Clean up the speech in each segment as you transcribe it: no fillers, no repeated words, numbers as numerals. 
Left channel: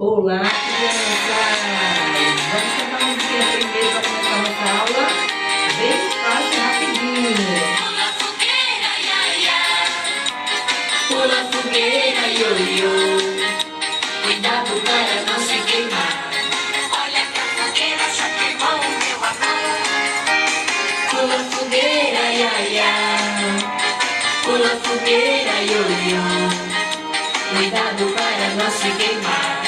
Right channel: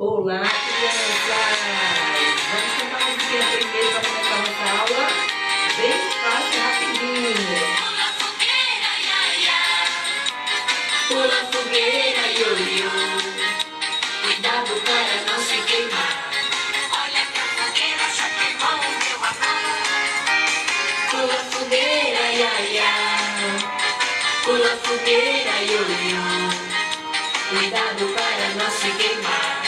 Olá, crianças! Vamos cantar uma musiquinha primeiro para começar a nossa aula? Bem fácil, rapidinho. Pula fogueira, ioiô. Cuidado para não se queimar. Olha pra fogueira, já queimou o meu amor. Pula fogueira, iaiá. Pula fogueira, ioiô. Cuidado para não se queimar.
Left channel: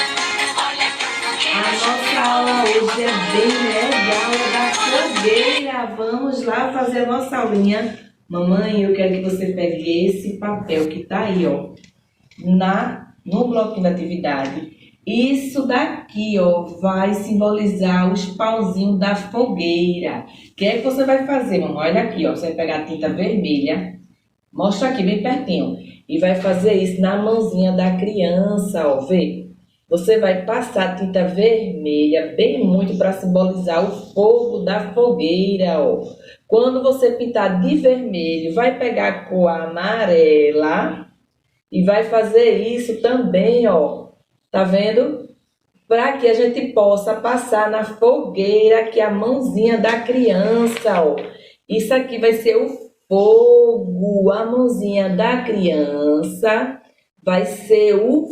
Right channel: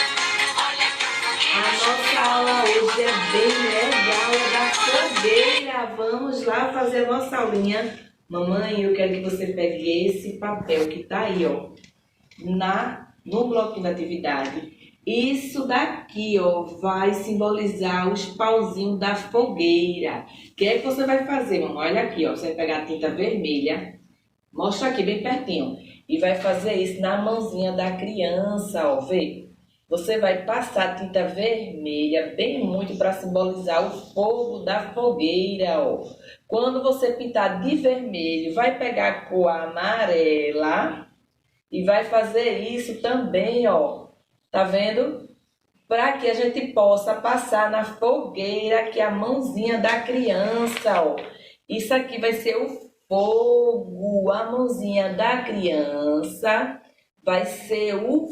A nossa aula hoje é bem legal, é da fogueira. Vamos lá fazer a nossa aulinha. Mamãe, eu quero que você pegue esse papel que tá aí, ó, no bloquinho da atividade. Isso daqui, ó, vai simbolizar os pauzinhos da fogueira. O que é que você vai fazer, mamãe? Olha aqui, ó, você vai pegar a tinta vermelha, mostra aqui bem pertinho, e vai fazer isso na mãozinha da criança, ó, vê? Você vai passar tinta vermelha bem muito para simbolizar o fogo da fogueira, ó. Quando você pintar de vermelho, vai pegar a cor amarela e vai fazer isso também, ó. Tá vendo? Para que a gente possa passar na fogueira, que é a mãozinha da criança, ó. Isso aqui vai ser o fogo, a mãozinha da criança vai ser o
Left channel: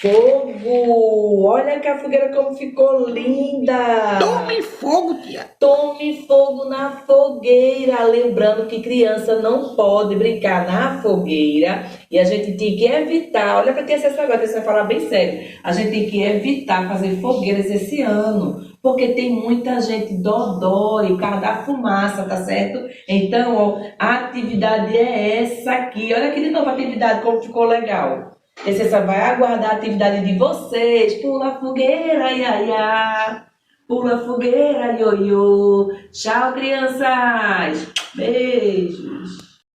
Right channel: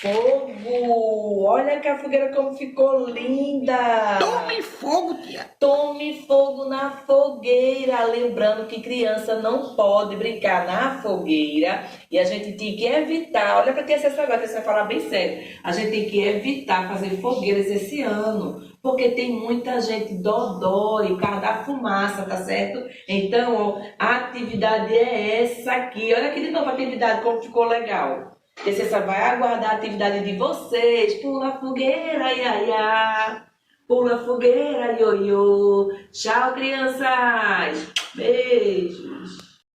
fogo. Olha que a fogueira como ficou linda. Tome fogo, tia. Tome fogo na fogueira. Lembrando que criança não pode brincar na fogueira. E a gente tem que evitar. Olha para quem essa agora, você vai falar bem sério. A gente tem que evitar fazer fogueiras esse ano. Porque tem muita gente dodói, por causa da fumaça, tá certo? Então, ó, a atividade é essa aqui. Olha aqui de novo a atividade, como ficou legal. Você só vai aguardar a atividade de vocês. Pula fogueira, iaiá. Pula fogueira, ioiô. Tchau, crianças. Beijos.